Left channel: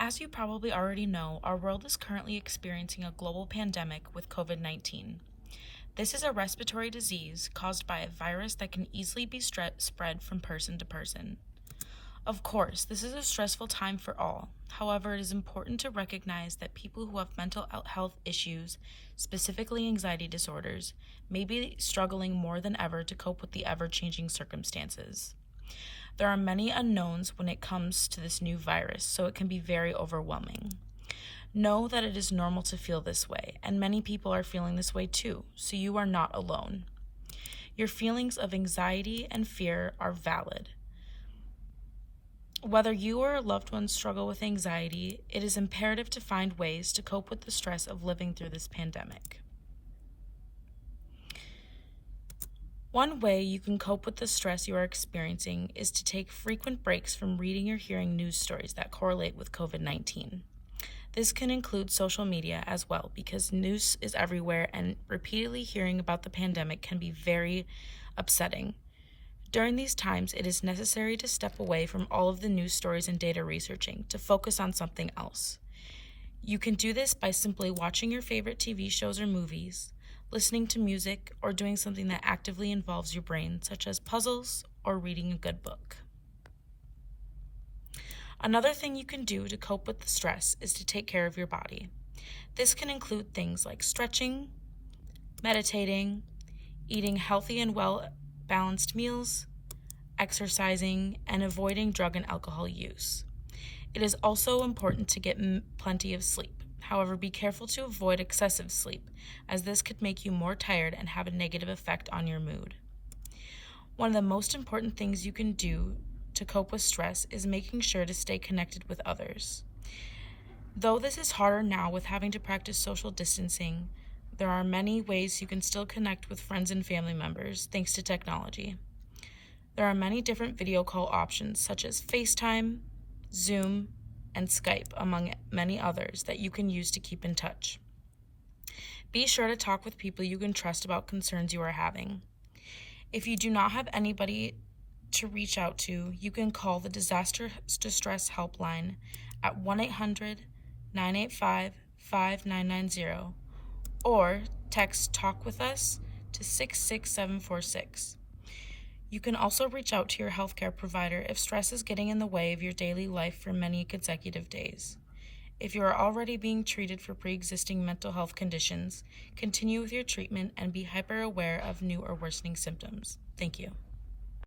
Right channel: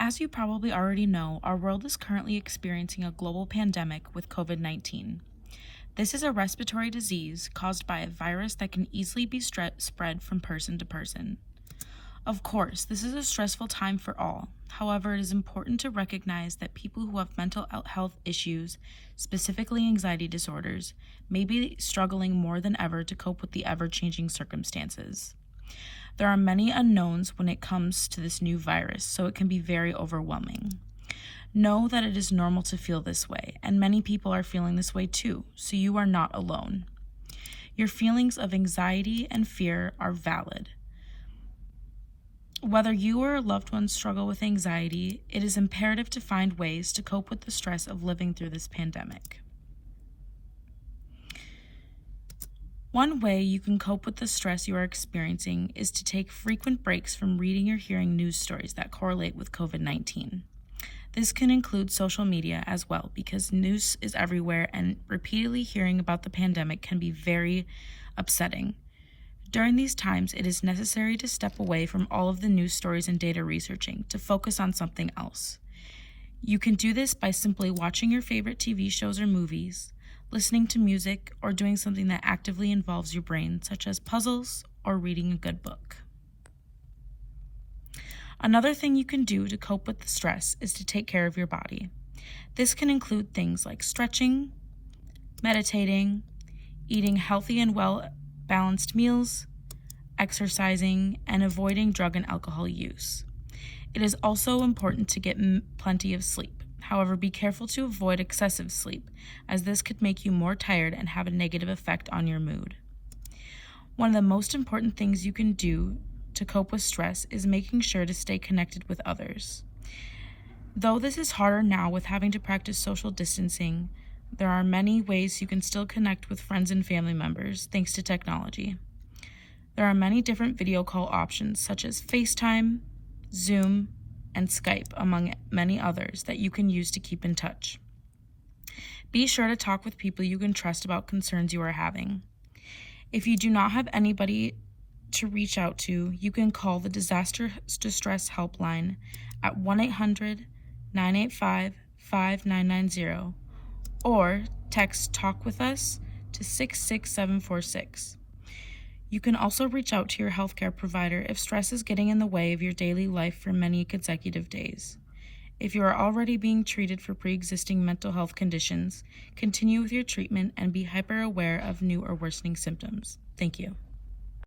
As you probably already know, our world is currently experiencing a global pandemic with COVID-19. This is a respiratory disease caused by a virus that can easily be spread from person to person. Of course, this is a stressful time for all. However, it is important to recognize that people who have mental health issues, specifically anxiety disorders, may be struggling more than ever to cope with the ever-changing circumstances. There are many unknowns when it comes to this new virus, so it can be very overwhelming. Know that it is normal to feel this way, and many people are feeling this way too, so you are not alone. Your feelings of anxiety and fear are valid. Whether you or a loved one struggle with anxiety, it is imperative to find ways to cope with the stress of living through this pandemic. One way you can cope with the stress you are experiencing is to take frequent breaks from reading or hearing news stories that correlate with COVID-19. This can include social media as well, because news is everywhere and repeatedly hearing about the pandemic can be very upsetting. During these times, it is necessary to step away from all of the news stories and data researching to focus on something else. You can do this by simply watching your favorite TV shows or movies, listening to music, or doing something that actively involves your brain, such as puzzles or reading a good book. Another thing you can do to cope with the stress is to take care of your body. This can include things like stretching, meditating, eating healthy and well-balanced meals, exercising, and avoiding drug and alcohol use. It is also important to get plenty of sleep. However, be careful to avoid excessive sleep, as this could make you more tired and have a negative effect on your mood. One of the most important things you can do to cope with stress is making sure to stay connected with others. Though this is harder now with having to practice social distancing, there are many ways you can still connect with friends and family members thanks to technology. There are many different video call options such as FaceTime, Zoom, and Skype, among many others that you can use to keep in touch. Be sure to talk with people you can trust about concerns you are having. If you do not have anybody to reach out to, you can call the Disaster Distress Helpline at 1-800-985-5990 or text Talk With Us to 66746. You can also reach out to your healthcare provider if stress is getting in the way of your daily life for many consecutive days. If you are already being treated for pre-existing mental health conditions, continue with your treatment and be hyper aware of new or worsening symptoms. Thank you.